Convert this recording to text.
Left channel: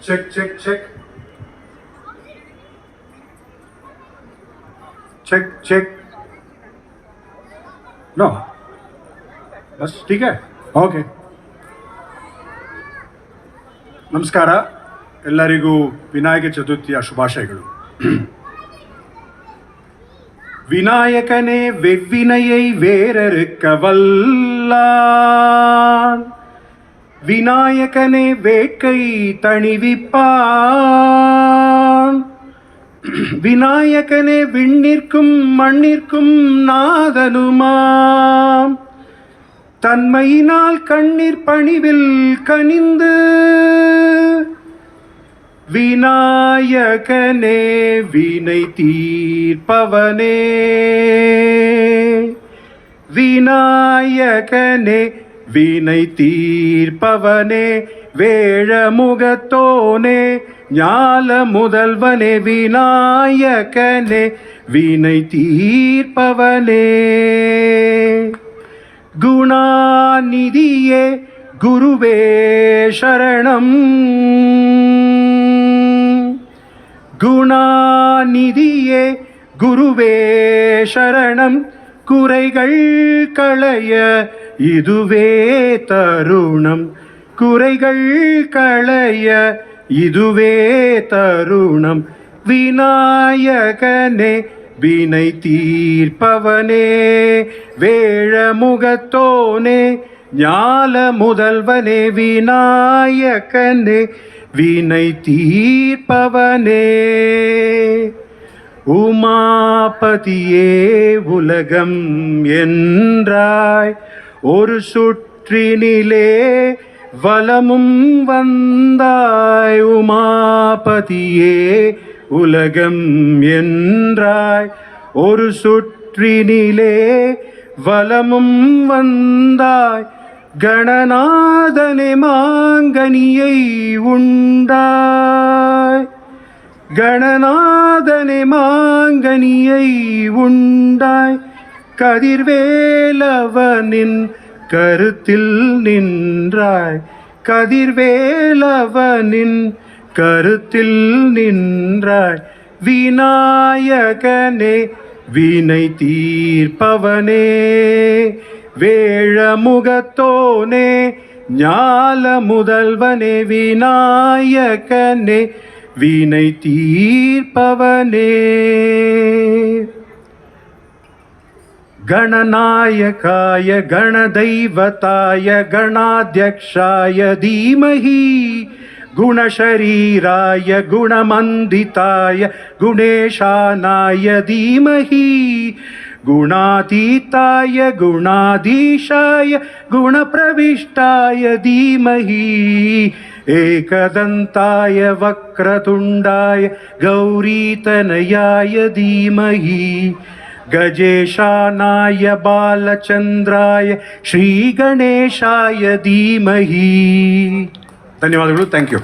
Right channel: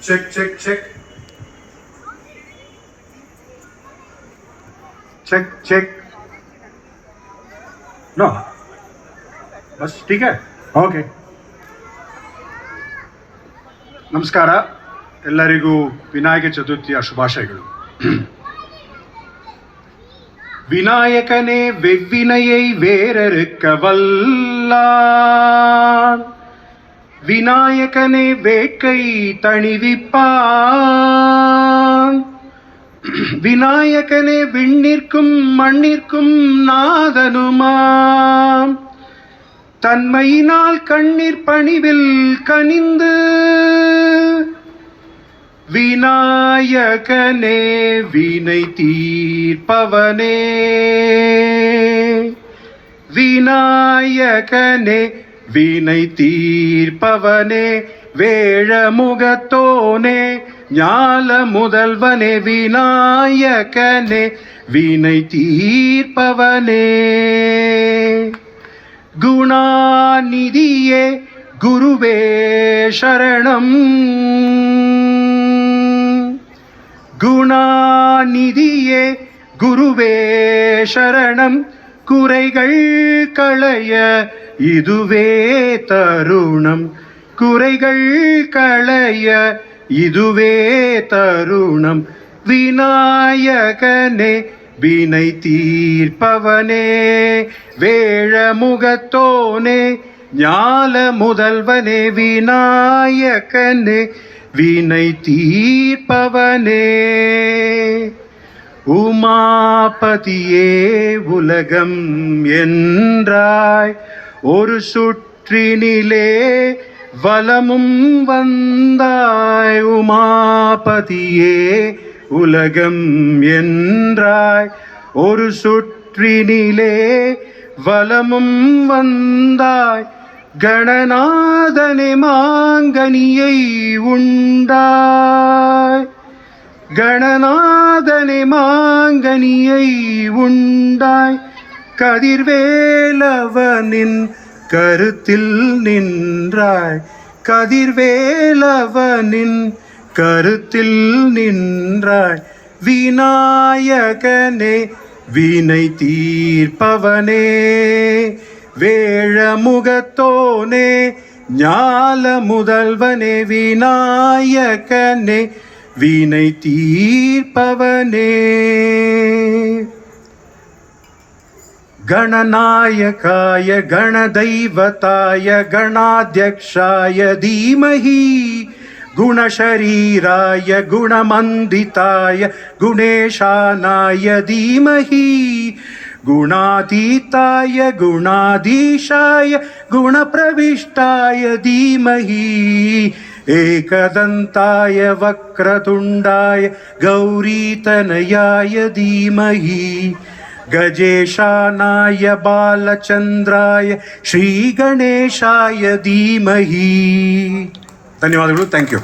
check, check, check. Check, check. No. बस ठीक है ಓಕೆ ನಮಸ್ಕಾರ ಎಲ್ಲರಿಗೂ ವಿನಾಯಕ ಚತುರ್ಥಿಯ ಶುಭಾಶಯಗಳು விநாயகனே வெவ்வினையை வேறறுக்க வல்லான் விநாயகனே வேட்கை தணிவிப்பான் விநாயகனே விண்ணிற்கும் மண்ணிற்கும் நாதனுமாம் தன்மையினால் கண்ணீர் பணிவில் கனிந்து விநாயகனே வினை தீர்ப்பவனே விநாயகனே வினை தீர்ப்பவனே வேழமுகத்தோனே ஞால முதல்வனே விநாயகனே வினை தீர்ப்பவனே குணாநிதியே குருவே சரணம் குணாநிதியே குருவே சரணம் குறைகள் களைய இதுவே தருணம் குறைகள் களைய இதுவே தருணம் விநாயகனே வினை தீர்ப்பவனே வேழமுகத்தோனே ஞால முதல்வனே விநாயகனே வினை தீர்ப்பவனே உமாபதியே உலகம் என்றாய் ஒரு சுற்றினிலே வலமும் வந்தாய் உமாபதியே உலகம் என்றாய் ஒரு சுற்றினிலே வலமும் வந்தாய் கணநாதனே மாங்கனியை உண்டாய் கணநாதனே மாங்கனியை உண்டாய் கதிர்வேலவனின் கருத்தில் நின்றாய் கதிர்வேலவனின் கருத்தில் நின்றாய் விநாயகனே வினை தீர்ப்பவனே வேழமுகத்தோனே ஞால முதல்வனே விநாயகனே வினை தீர்ப்பவனே गणनायकाय गणदैवताय गणाध्यक्षाय धीमहि गुणशरीराय गुणमन्दिताय गुणेशानाय धीमहि गुणातीताय गुणाधीशाय गुणप्रविष्टाय धीमहि एकदन्ताय वक्रतुण्डाय गौरीतनयाय धीमहि गजेशानाय बालचन्द्राय श्रीगणेशाय धीमहि धन्यवादಗಳು थैंक यू